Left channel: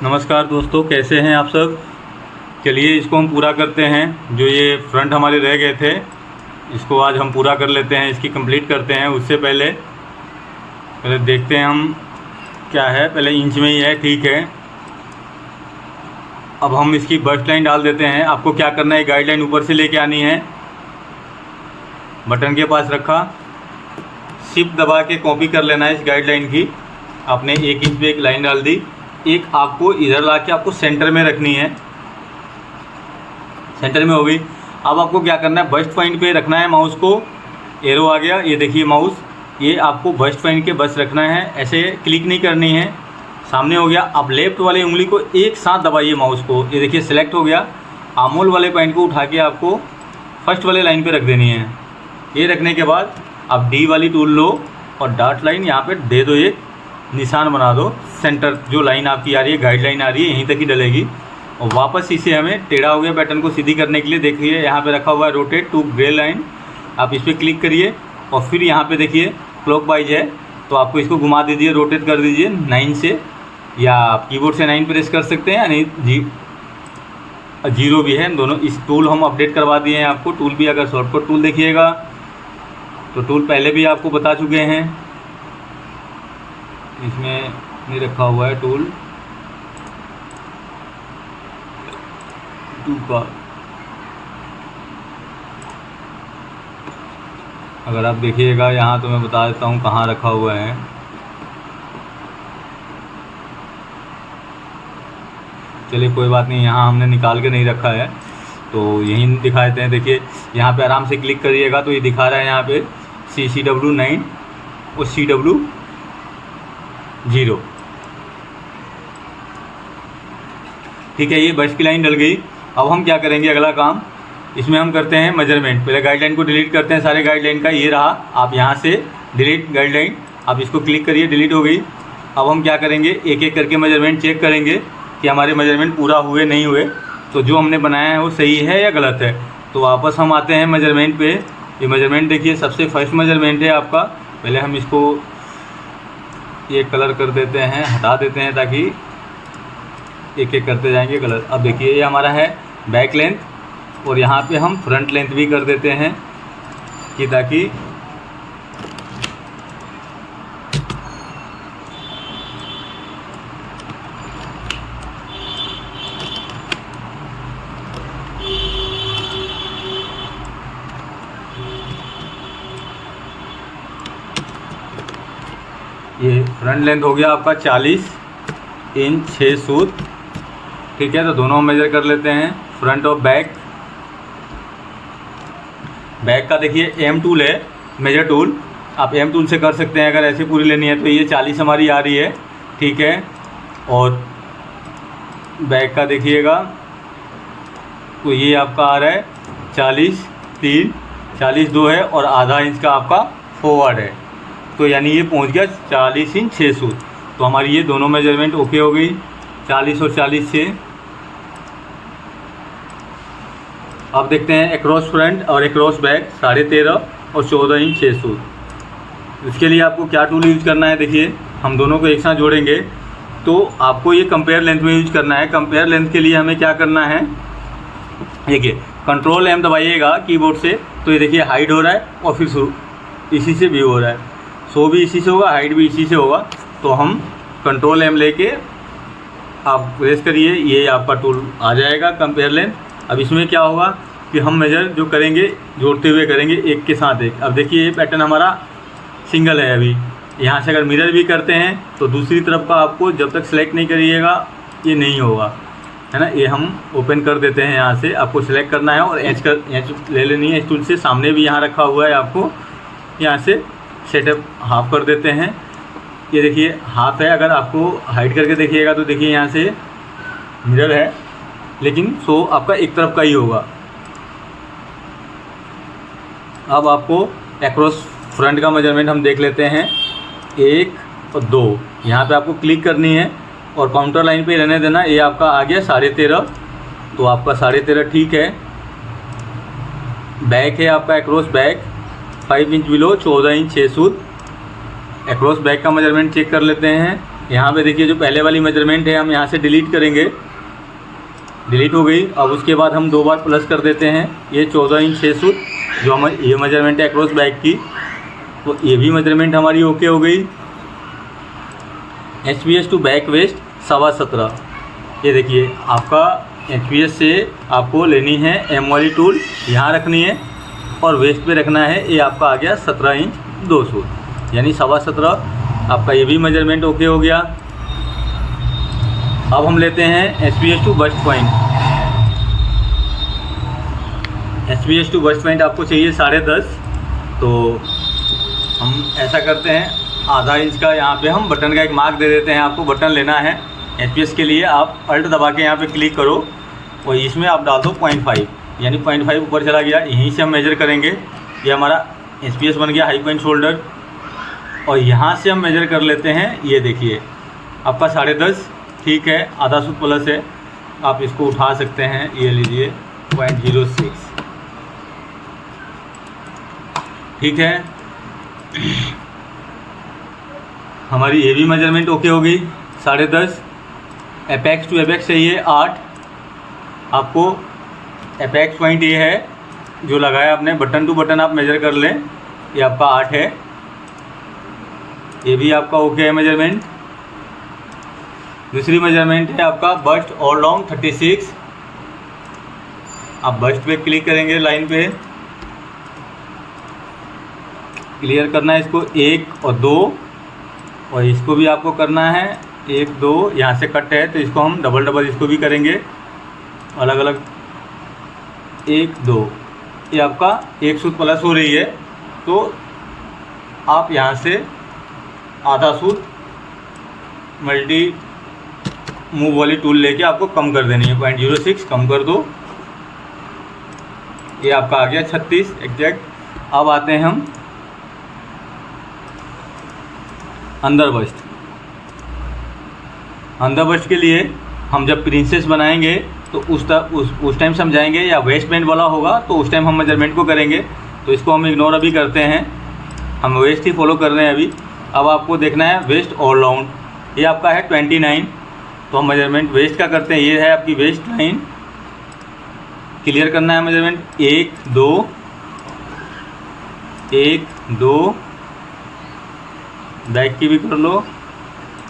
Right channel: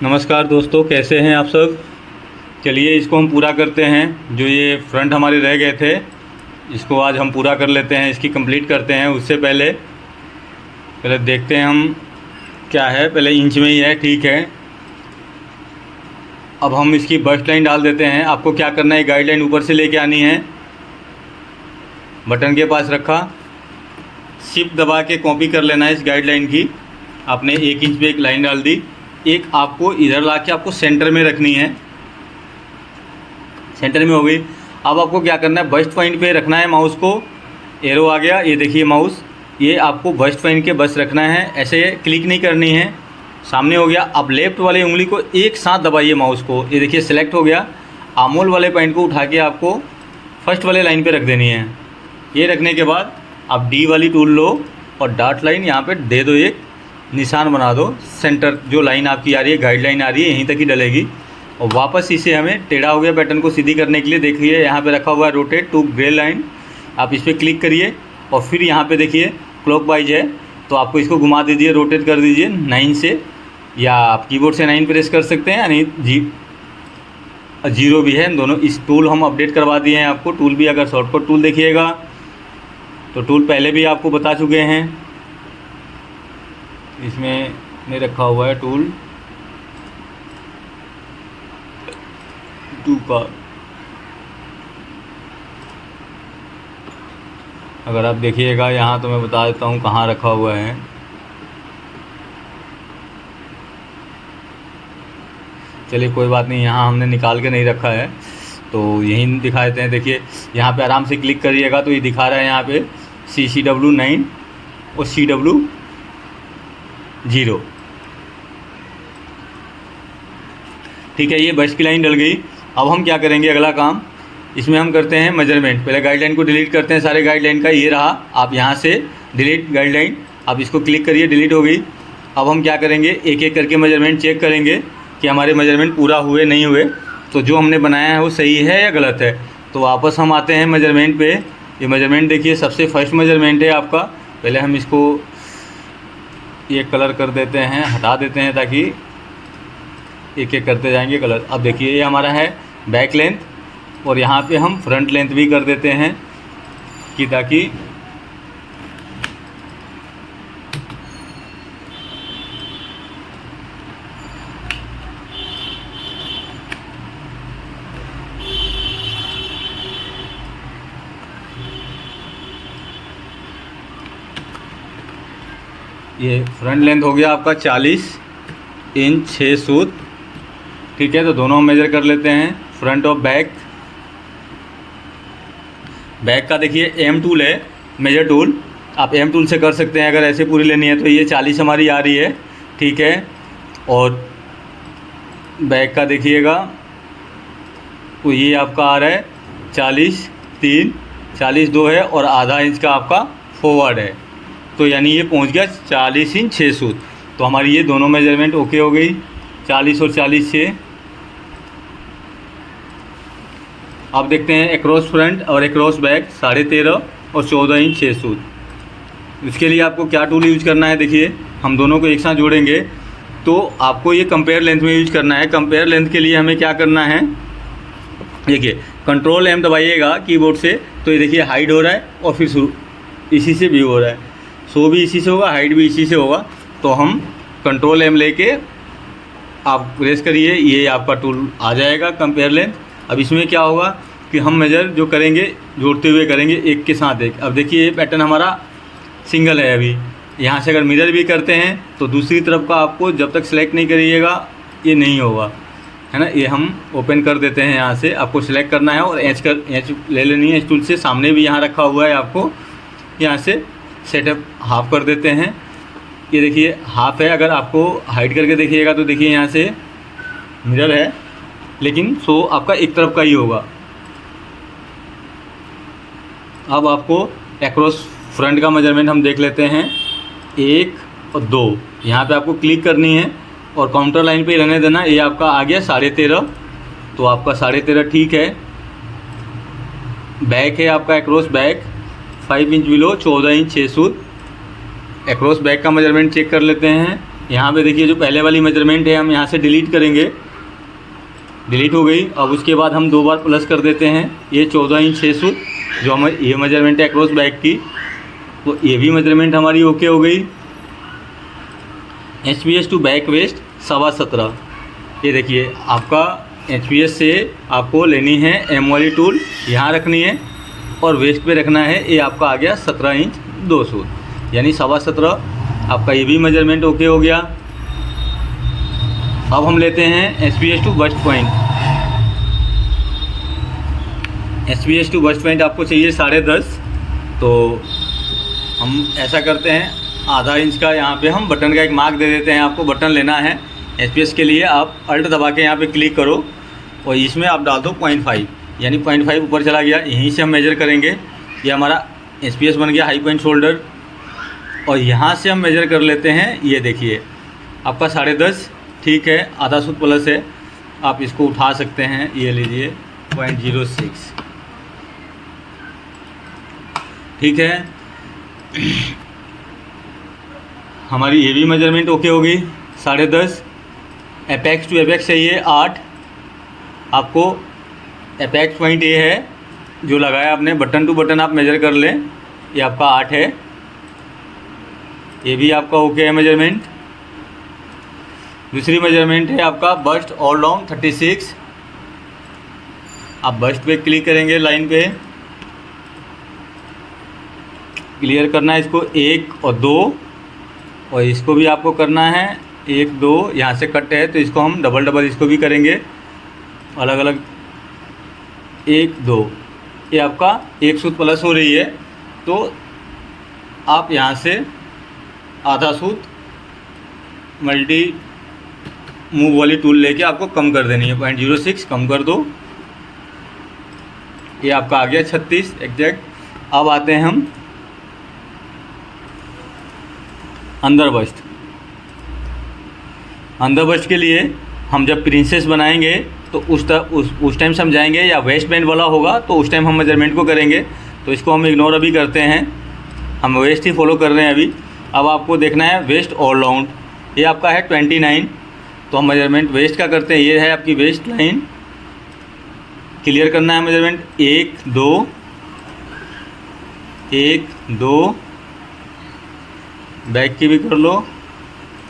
नमस्कार दोस्तों, कैसे हैं आप सब। चलिए इसको हम पूरा करते हैं। जो ये फ्रंट हमारे रह गए थे, इसको आज हम पूरा कर लेते हैं, इसकी कंप्लीट करते हैं। उससे पहले पहले देखते हैं हम क्या है। पहले इंच में ही है, ठीक है। अब हम इसकी बस्ट लाइन डाल देते हैं। आपको क्या करना है, गाइडलाइन ऊपर से लेके आनी है, बटन के पास रखा, शिफ्ट दबा के कॉपी कर लेना है इस गाइडलाइन की। आपने 1 इंच पे एक लाइन डाल दी, एक आपको इधर ला के आपको सेंटर में रखनी है। सेंटर में हो गई। अब आपको क्या करना है, बस्ट पॉइंट पे रखना है माउस को। एरो आ गया, ये देखिए माउस, ये आपको बस्ट पॉइंट के बस रखना है, ऐसे क्लिक नहीं करनी है। सामने हो गया। अब लेफ्ट वाली उंगली को एक साथ दबाइए माउस को, ये देखिए सेलेक्ट हो गया। आमोल वाले पॉइंट को उठा के आपको फर्स्ट वाले लाइन पे रख देनी है। ये रखने के बाद अब डी वाली टूल लो और डॉट लाइन यहाँ पे दे दो, एक निशान बना दो। सेंटर जो लाइन आपकी आ रही है, गाइडलाइन आ रही है, यहीं तक ही डलेगी। और वापस इसे हमें टेढ़ा हो गया पैटर्न को सीधी करने के लिए, देखिए यहाँ पे रखा हुआ है रोटेट टू ग्रे लाइन। आप इस पर क्लिक करिए और फिर यहाँ पे देखिए क्लॉकवाइज है, तो आपको इसको घुमा दीजिए, रोटेट कर दीजिए 9 से, या आप कीबोर्ड से 9 प्रेस कर सकते हैं, यानी 0 भी है। दोनों इस टूल हम अपडेट करवा दिए हैं आपको। टूल भी अगर शॉर्टकट टूल देखिएगा तो टूल पहले भी आपको बता चुके हैं, इसमें नहीं रखा हुआ है टूल 2 का। अगर आप देखिएगा यहाँ तो मैं बता देता हूँ कहाँ रखा हुआ है। चलिए कोई बात नहीं, यहाँ हमने निकाल के नहीं रखा है तो यहीं दिखा देते हैं। देखिए यहाँ पे आराम से क्लिक करिएगा तो ये दिखा रहा है यहाँ पे CCW 9 और CW 0, ठीक है। ये बस्ट की लाइन डल गई। अब हम क्या करेंगे, अगला काम इसमें हम करते हैं मेजरमेंट। पहले गाइडलाइन को डिलीट करते हैं, सारे गाइडलाइन का ये रहा। आप यहाँ से डिलीट गाइडलाइन, आप इसको क्लिक करिए, डिलीट हो गई। अब हम क्या करेंगे, एक एक करके मेजरमेंट चेक करेंगे कि हमारे मेजरमेंट पूरा हुए नहीं हुए, तो जो हमने बनाया है वो सही है या गलत है। तो वापस हम आते हैं मेजरमेंट पे। ये मेजरमेंट देखिए, सबसे फर्स्ट मेजरमेंट है आपका। पहले हम इसको ये कलर कर देते हैं, हटा देते हैं, ताकि एक एक करते जाएंगे कलर। अब देखिए ये हमारा है बैक लेंथ, और यहाँ पे हम फ्रंट लेंथ भी कर देते हैं कि ताकि ये फ्रंट लेंथ हो गया आपका 40 इंच 6 सूत, ठीक है। तो दोनों मेजर कर लेते हैं, फ्रंट और बैक। बैक का देखिए M टूल है, मेजर टूल, आप M टूल से कर सकते हैं अगर ऐसे पूरी लेनी है तो। ये 40 हमारी आ रही है, ठीक है। और बैक का देखिएगा तो ये आपका आ रहा है 40 3, 40 2 है, और आधा इंच का आपका फॉरवर्ड है, तो यानी ये पहुंच गया 40 इंच 6 सूत। तो हमारी ये दोनों मेजरमेंट ओके हो गई, 40 और 40 से। अब देखते हैं एक्रॉस फ्रंट और एक्रॉस बैक 13.5 और 14 इंच 6 सूत। इसके लिए आपको क्या टूल यूज करना है, देखिए हम दोनों को एक साथ जोड़ेंगे तो आपको ये कंपेयर लेंथ में यूज करना है। कंपेयर लेंथ के लिए हमें क्या करना है, देखिए कंट्रोल M दबाइएगा कीबोर्ड से, तो ये देखिए हाइड हो रहा है और फिर शुरू इसी से भी हो रहा है, शो भी इसी से होगा, हाइड भी इसी से होगा। तो हम कंट्रोल M लेके आप प्रेस करिए, ये आपका टूल आ जाएगा कंपेयर लेंथ। अब इसमें क्या होगा कि हम मेजर जो करेंगे जोड़ते हुए करेंगे, एक के साथ एक। अब देखिए ये पैटर्न हमारा सिंगल है। अभी यहाँ से अगर मिरर भी करते हैं तो दूसरी तरफ का आपको जब तक सेलेक्ट नहीं करिएगा ये नहीं होगा, है ना। ये हम ओपन कर देते हैं, यहाँ से आपको सिलेक्ट करना है और एच ले लेनी है इस टूल से। सामने भी यहाँ रखा हुआ है, आपको यहाँ से सेटअप हाफ कर देते हैं। ये देखिए हाफ है, अगर आपको हाइड करके देखिएगा तो देखिए यहाँ से मिरर है, लेकिन शो आपका एक तरफ का ही होगा। अब आपको एक्रॉस फ्रंट का मेजरमेंट हम देख लेते हैं, 1 और 2। यहाँ पे आपको क्लिक करनी है और काउंटर लाइन पे रहने देना। ये आपका आ गया 13.5, तो आपका 13.5 ठीक है। बैक है आपका across back 5 inch below 14 inch 6 सूत। एक्रॉस बैक का मेजरमेंट चेक कर लेते हैं, यहाँ पे देखिए जो पहले वाली मेजरमेंट है हम यहाँ से डिलीट करेंगे, डिलीट हो गई। अब उसके बाद हम 2 बार प्लस कर देते हैं। ये 14 इंच 6 सूत जो हम ये मेजरमेंट है अक्रॉस बैक की, तो ये भी मेजरमेंट हमारी ओके हो गई। HPS to back waist 17.5। ये देखिए आपका HPS से आपको लेनी है M वाली टूल, यहाँ रखनी है और वेस्ट पे रखना है। ये आपका आ गया 17 इंच 2 सूत यानी 17.5। आपका ये भी मेजरमेंट ओके हो गया। अब हम लेते हैं HPS to bust point. HPS to bust point आपको चाहिए 10.5। तो हम ऐसा करते हैं, आधा इंच का यहाँ पे हम बटन का एक मार्क दे देते हैं। आपको बटन लेना है HPS के लिए, आप अल्ट दबा के यहाँ पे क्लिक करो और इसमें आप डाल दो 0.5 यानी 0.5 ऊपर चला गया। यहीं से हम मेजर करेंगे। ये हमारा HPS बन गया हाई पॉइंट शोल्डर और यहाँ से हम मेजर कर लेते हैं। ये देखिए आपका 10.5 ठीक है, आधा सूत प्लस है, आप इसको उठा सकते हैं। ये लीजिए 0.06 ठीक है। हमारी ये भी मेजरमेंट ओके हो गई 10.5। एपेक्स टू एपेक्स चाहिए 8। आपको एपेक्स पॉइंट ये है जो लगाया आपने, बटन टू बटन आप मेजर कर लें, ये आपका 8 है। ये भी आपका ओके है मेजरमेंट। दूसरी मेजरमेंट है आपका बस्ट ऑल डाउन 36। आप बस्ट पे क्लिक करेंगे, लाइन पे क्लियर करना है इसको 1 और 2 और इसको भी आपको करना है 1 2। यहाँ से कट है तो इसको हम डबल इसको भी करेंगे अलग अलग 1 2। ये आपका 1 सूत प्लस हो रही है तो आप यहाँ से आधा सूत मल्टी मूव वाली टूल लेके आपको कम कर देनी है। 0.06 कम कर दो। ये आपका आ गया 36 एग्जैक्ट। अब आते हैं हम अंदर बस्ट। अंदर बस्ट के लिए हम जब प्रिंसेस बनाएंगे तो उस टाइम समझाएंगे, या वेस्ट बैंड वाला होगा तो उस टाइम हम मेजरमेंट को करेंगे। तो इसको हम इग्नोर अभी करते हैं, हम वेस्ट ही फॉलो कर रहे हैं अभी। अब आपको देखना है वेस्ट ऑल राउंड, ये आपका है 29। तो हम मेजरमेंट वेस्ट का करते हैं। ये है आपकी वेस्ट लाइन, क्लियर करना है मेजरमेंट 1 2 1 2। बैक की भी कर लो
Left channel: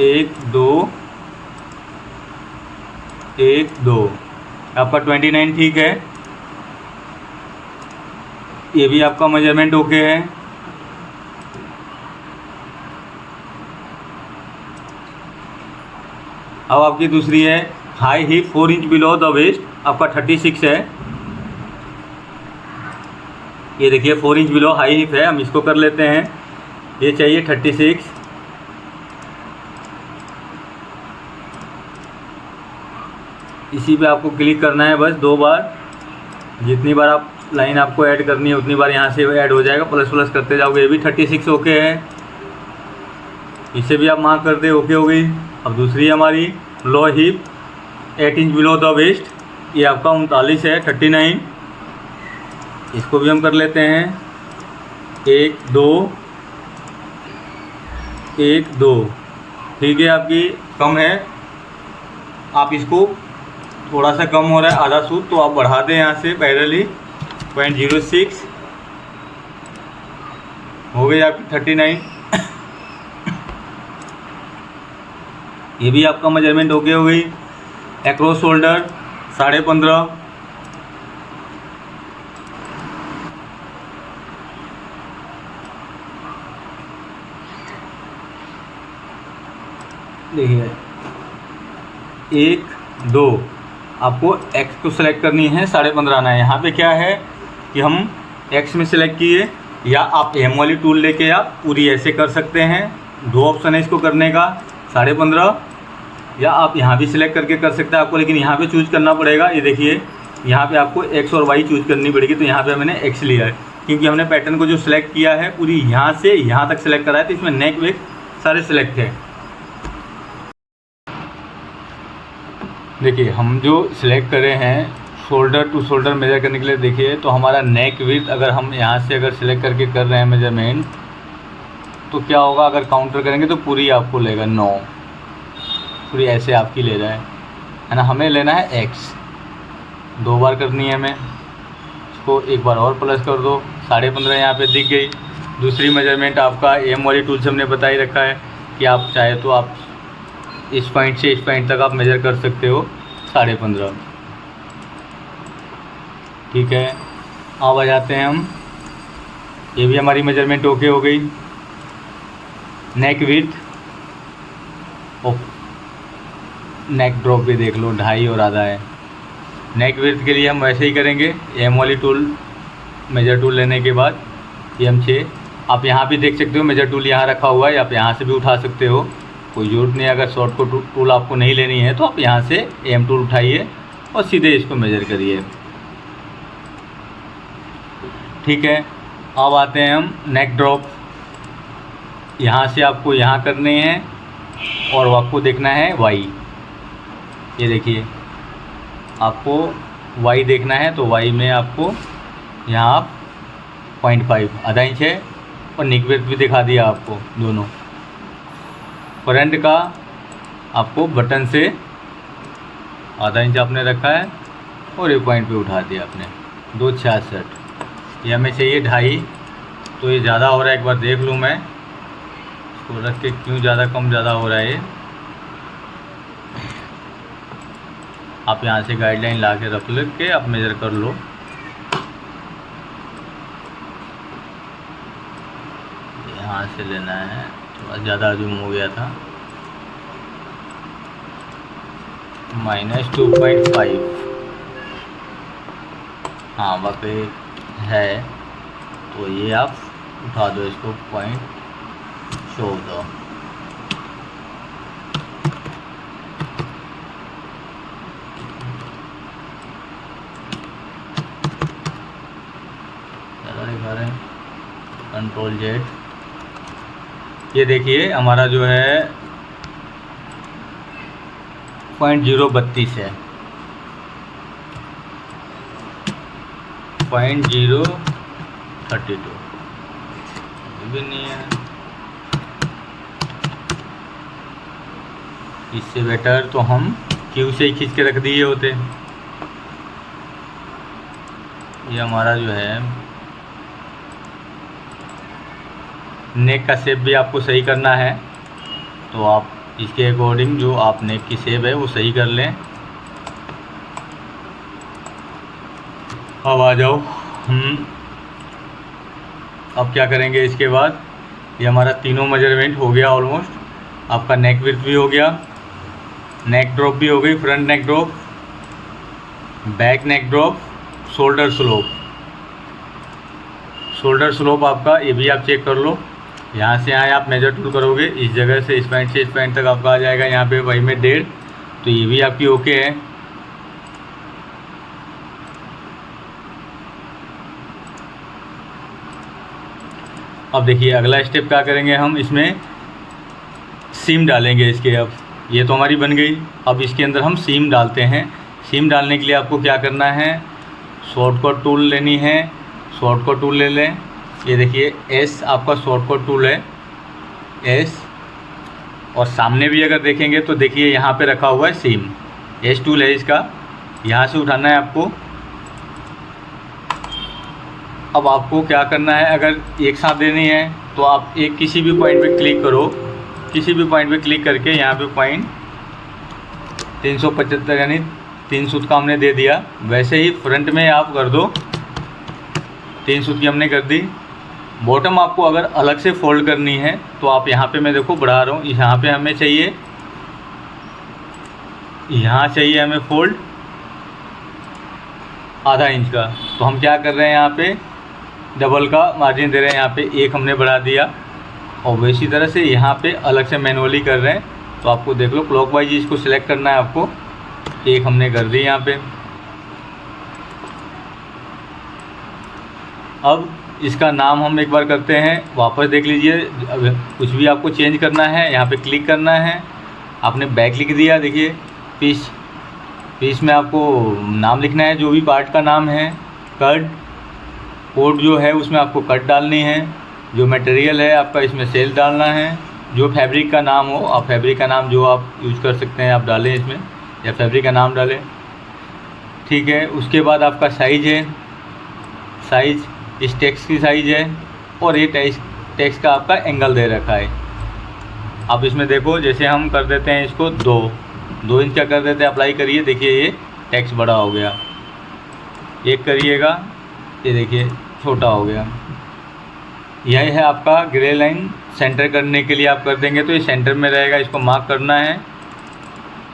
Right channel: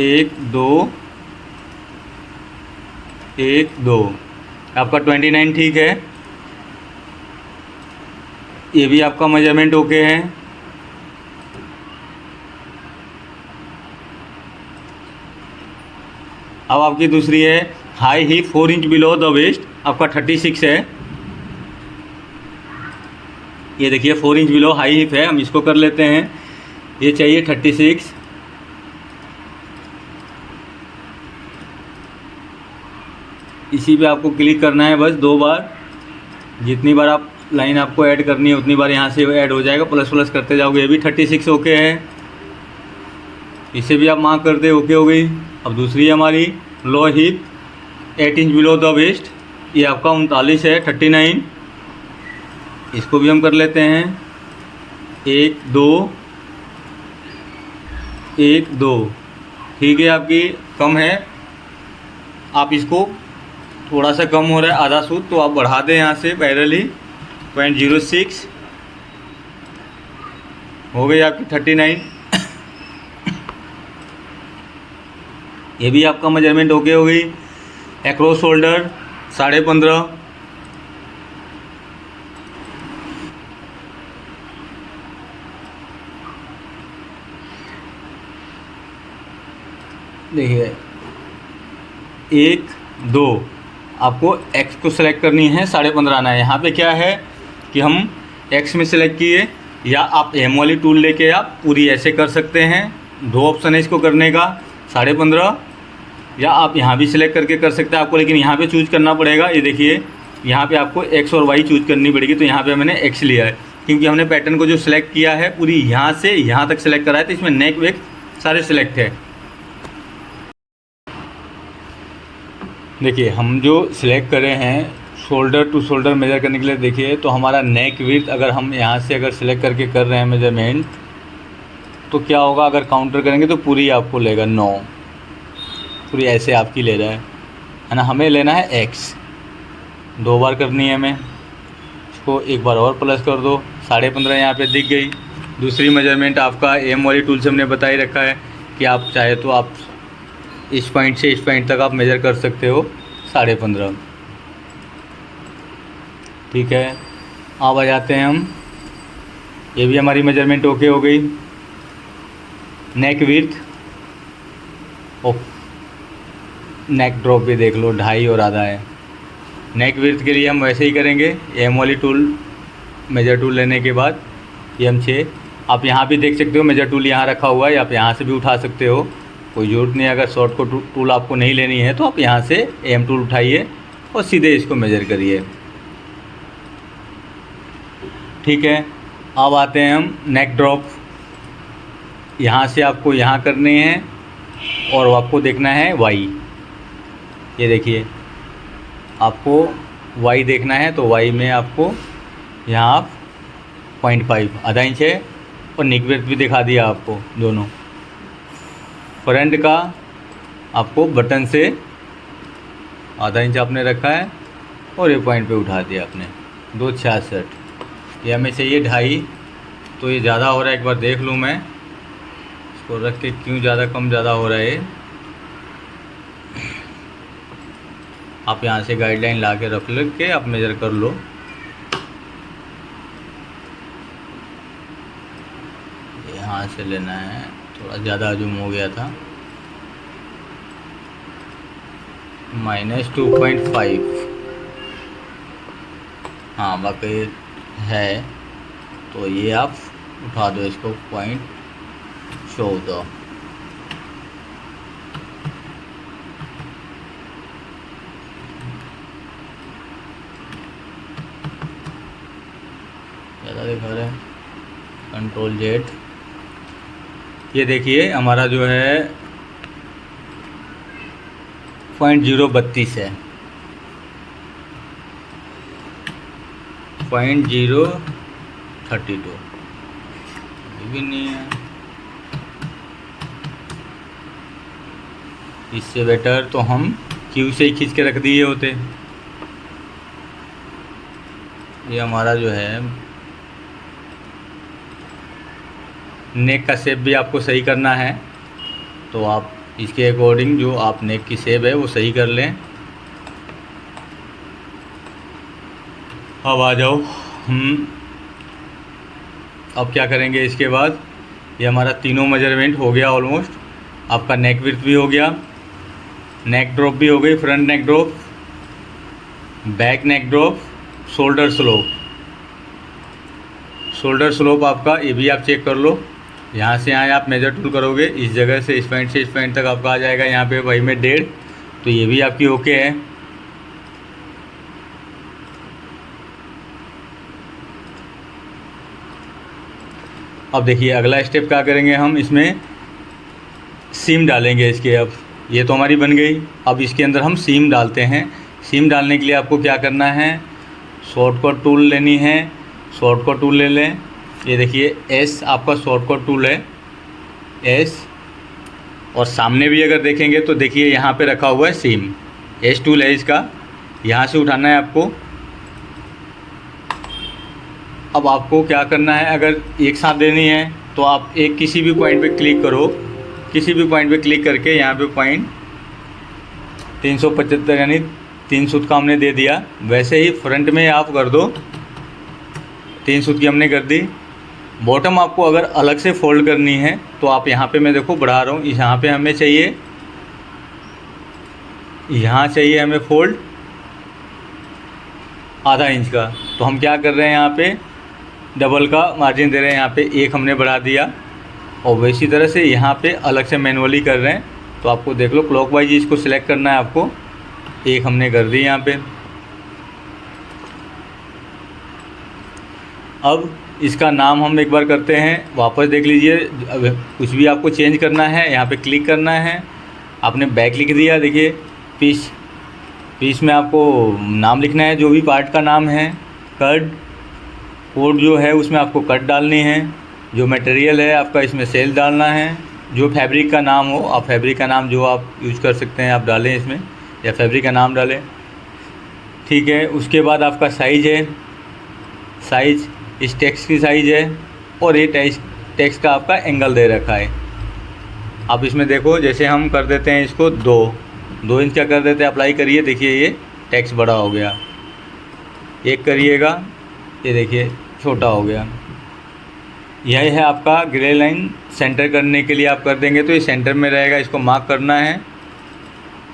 1 2 1 2। आपका 29 ठीक है। ये भी आपका मेजरमेंट ओके है। अब आपकी दूसरी है high hip 4 inch below the waist, आपका 36 है। ये देखिए 4 इंच बिलो हाई हिप है, हम इसको कर लेते हैं। ये चाहिए 36। इसी पे आपको क्लिक करना है बस 2 बार। जितनी बार आप लाइन आपको ऐड करनी है उतनी बार यहाँ से ऐड हो जाएगा, प्लस प्लस करते जाओगे। ये भी 36 ओके है, इसे भी आप मार्क करते ओके हो गई। अब दूसरी हमारी low hip 8 inch below the waist, ये आपका 39 है 39। इसको भी हम कर लेते हैं 1 2 1 2 ठीक है। आपकी कम है, आप इसको थोड़ा सा कम हो रहा है आधा सूत, तो आप बढ़ा दें यहाँ से पैरेलली 0.06 हो गई आपकी 39। ये भी आपका मेजरमेंट ओके हो गई। Across shoulder 15.5। देखिए 1 2 आपको एक्स को सिलेक्ट करनी है, 15.5 आना है। यहाँ पे क्या है कि हम एक्स में सिलेक्ट किए, या आप एम वाली टूल लेके आप पूरी ऐसे कर सकते हैं। 2 ऑप्शन है इसको करने का, 15.5, या आप यहाँ भी सिलेक्ट करके कर सकते हैं आपको, लेकिन यहाँ पे चूज करना पड़ेगा। ये देखिए यहाँ पे आपको एक्स और वाई चूज करनी पड़ेगी। तो यहाँ पे मैंने एक्स लिया है क्योंकि हमने पैटर्न को जो सिलेक्ट किया है पूरी यहाँ से यहाँ तक सिलेक्ट करा है, तो इसमें नेक वेक सारे सिलेक्ट है। देखिए हम जो सिलेक्ट करे हैं शोल्डर टू शोल्डर मेजर करने के लिए, देखिए तो हमारा नेक विड्थ अगर हम यहाँ से अगर सिलेक्ट करके कर रहे हैं मेजरमेंट, तो क्या होगा अगर काउंटर करेंगे तो पूरी आपको लेगा 9। पूरी ऐसे आपकी ले रहा है ना। हमें लेना है एक्स, 2 बार करनी है हमें। इसको एक बार और प्लस कर दो, 15.5 यहाँ पे दिख गई। दूसरी मेजरमेंट आपका एम वाली टूल से हमने बता ही रखा है कि आप चाहे तो आप इस पॉइंट से इस पॉइंट तक आप मेज़र कर सकते हो 15.5। ठीक है, अब आ जाते हैं हम, ये भी हमारी मेजरमेंट ओके हो गई। नेक विड्थ और नेक ड्रॉप भी देख लो, 2.5 और आधा है। नेक विड्थ के लिए हम वैसे ही करेंगे, एम वाली टूल मेजर टूल लेने के बाद M6। आप यहाँ भी देख सकते हो मेजर टूल यहाँ रखा हुआ है, आप यहाँ से भी उठा सकते हो, कोई ज़रूरत नहीं। अगर शॉर्ट को टूल आपको नहीं लेनी है तो आप यहाँ से M टूल उठाइए और सीधे इसको मेजर करिए। ठीक है, अब आते हैं हम नेक ड्रॉप। यहाँ से आपको यहाँ करने हैं और आपको देखना है Y। ये देखिए, आपको Y देखना है तो Y में आपको यहाँ आप 0.5 आधा इंच है, और नेक विड्थ भी दिखा दिया आपको दोनों। फ्रंट का आपको बटन से आधा इंच आपने रखा है और ये पॉइंट पे उठा दिया आपने, 2.66। ये हमें चाहिए 2.5, तो ये ज़्यादा हो रहा है। एक बार देख लूँ मैं इसको रख के, क्यों ज़्यादा कम ज़्यादा हो रहा है। आप यहाँ से गाइडलाइन ला के रख के आप मेज़र कर लो। यहाँ से लेना है, थोड़ा ज़्यादा जूम हो गया था, -2.5। हाँ बाकी है, तो ये आप उठा दो इसको 0.14। ज़्यादा दिखा रहे हैं, Ctrl+Z। ये देखिए हमारा जो है 0.032 है, 0.032 भी नहीं है। इससे बेटर तो हम क्यू से ही खींच के रख दिए होते। ये हमारा जो है नेक का शेप भी आपको सही करना है, तो आप इसके अकॉर्डिंग जो आप नेक की शेप है वो सही कर लें। अब आ जाओ हम अब क्या करेंगे इसके बाद। ये हमारा तीनों मेजरमेंट हो गया ऑलमोस्ट। आपका नेक विड्थ भी हो गया, नेक ड्रॉप भी हो गई, फ्रंट नेक drop, back neck drop, shoulder slope. Shoulder slope आपका ये भी आप चेक कर लो। यहाँ से यहाँ आप मेजर टूल करोगे, इस जगह से इस पॉइंट से इस पॉइंट तक आपका आ जाएगा यहाँ पे Y में 1.5, तो ये भी आपकी ओके है। अब देखिए अगला स्टेप क्या करेंगे हम, इसमें सीम डालेंगे इसके। अब ये तो हमारी बन गई, अब इसके अंदर हम सीम डालते हैं। सीम डालने के लिए आपको क्या करना है, शॉर्टकट टूल लेनी है, शॉर्टकट टूल ले लें। ये देखिए S आपका शॉर्टकट टूल है, S। और सामने भी अगर देखेंगे तो देखिए यहाँ पे रखा हुआ है सीम, S टूल है इसका, यहाँ से उठाना है आपको। अब आपको क्या करना है, अगर एक साथ देनी है तो आप एक किसी भी पॉइंट पे क्लिक करो, किसी भी पॉइंट पे क्लिक करके यहाँ पे पॉइंट 375 यानी 3 सूत का हमने दे दिया। वैसे ही फ्रंट में आप कर दो, 3 सूत की हमने कर दी। बॉटम आपको अगर अलग से फोल्ड करनी है तो आप यहाँ पे, मैं देखो बढ़ा रहा हूँ, यहाँ पे हमें चाहिए, यहाँ चाहिए हमें फोल्ड आधा इंच का। तो हम क्या कर रहे हैं, यहाँ पे डबल का मार्जिन दे रहे हैं, यहाँ पे 1 हमने बढ़ा दिया। और वैसी तरह से यहाँ पे अलग से मैनुअली कर रहे हैं, तो आपको देख लो क्लॉकवाइज इसको सिलेक्ट करना है आपको। 1 हमने कर दी यहाँ पे। अब इसका नाम हम एक बार करते हैं, वापस देख लीजिए। कुछ भी आपको चेंज करना है यहाँ पे क्लिक करना है। आपने बैक लिख दिया, देखिए पीस, पीस में आपको नाम लिखना है, जो भी पार्ट का नाम है। कट कोड जो है उसमें आपको कट डालनी है। जो मटेरियल है आपका इसमें सेल डालना है। जो फैब्रिक का नाम हो, आप फैब्रिक का नाम जो आप यूज कर सकते हैं आप डालें इसमें, या फैब्रिक का नाम डालें। ठीक है, उसके बाद आपका साइज़ है, साइज़ इस टेक्स्ट की साइज़ है, और ये टेक्स्ट का आपका एंगल दे रखा है। आप इसमें देखो, जैसे हम कर देते हैं इसको 2 इंच का कर देते हैं, अप्लाई करिए, देखिए ये टेक्स्ट बड़ा हो गया। एक करिएगा, ये देखिए छोटा हो गया। यह है आपका ग्रे लाइन सेंटर करने के लिए आप कर देंगे तो ये सेंटर में रहेगा, इसको मार्क करना है।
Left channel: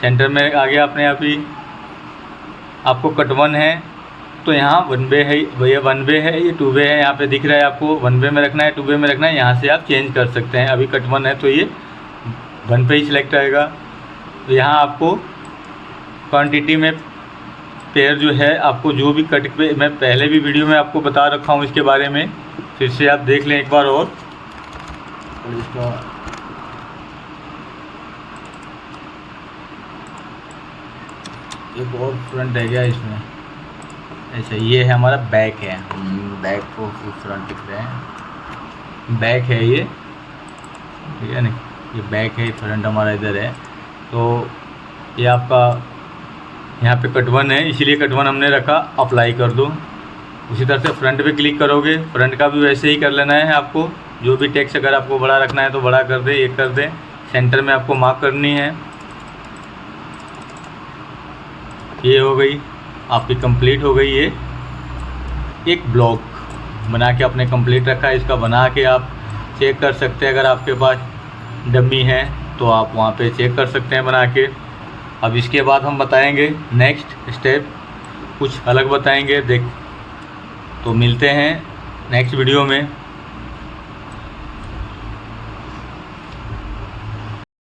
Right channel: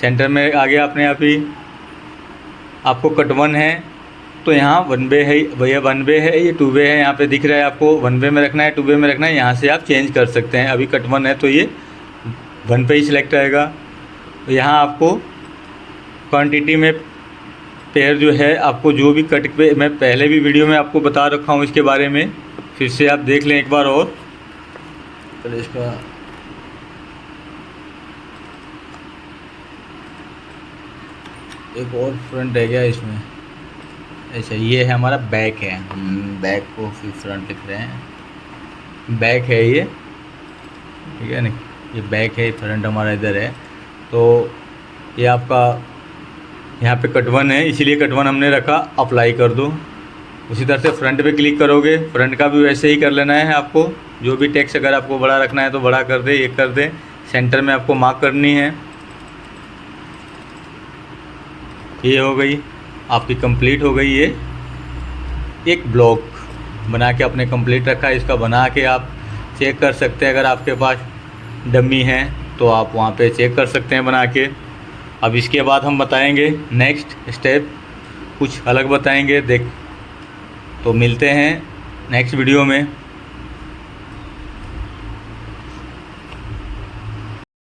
सेंटर में आ गया अपने आप ही। आपको कट 1 है तो यहाँ 1 वे है, ये 1 वे है, ये 2 वे है, यहाँ पे दिख रहा है आपको 1 वे में रखना है 2 वे में रखना है, यहाँ से आप चेंज कर सकते हैं। अभी कट 1 है तो ये 1 पे ही सिलेक्ट आएगा। यहाँ आपको क्वांटिटी में पेयर जो है, आपको जो भी कट पे, मैं पहले भी वीडियो में आपको बता रखा हूँ इसके बारे में, फिर से आप देख लें एक बार और। चलो इसका एक और फ्रंट है क्या इसमें? अच्छा, ये है हमारा बैक है, बैक को फिर फ्रंट लिख रहे हैं, बैक है ये, ठीक है ना, ये बैक है, फ्रंट हमारा इधर है। तो ये आपका यहाँ पे कट 1 है, इसीलिए कट 1 हमने रखा, अप्लाई कर दो। उसी तरह से फ्रंट पे क्लिक करोगे, फ्रंट का भी वैसे ही कर लेना है आपको। जो भी टेक्स्ट अगर आपको बड़ा रखना है तो बड़ा कर दे, ये कर दे। सेंटर में आपको मार्क करनी है, ये हो गई आपकी कंप्लीट हो गई। ये एक ब्लॉक बना के आपने कंप्लीट रखा है, इसका बना के आप चेक कर सकते हैं। अगर आपके पास डमी है तो आप वहाँ पे चेक कर सकते हैं बना के। अब इसके बाद हम बताएंगे नेक्स्ट स्टेप, कुछ अलग बताएंगे। तो मिलते हैं नेक्स्ट वीडियो में।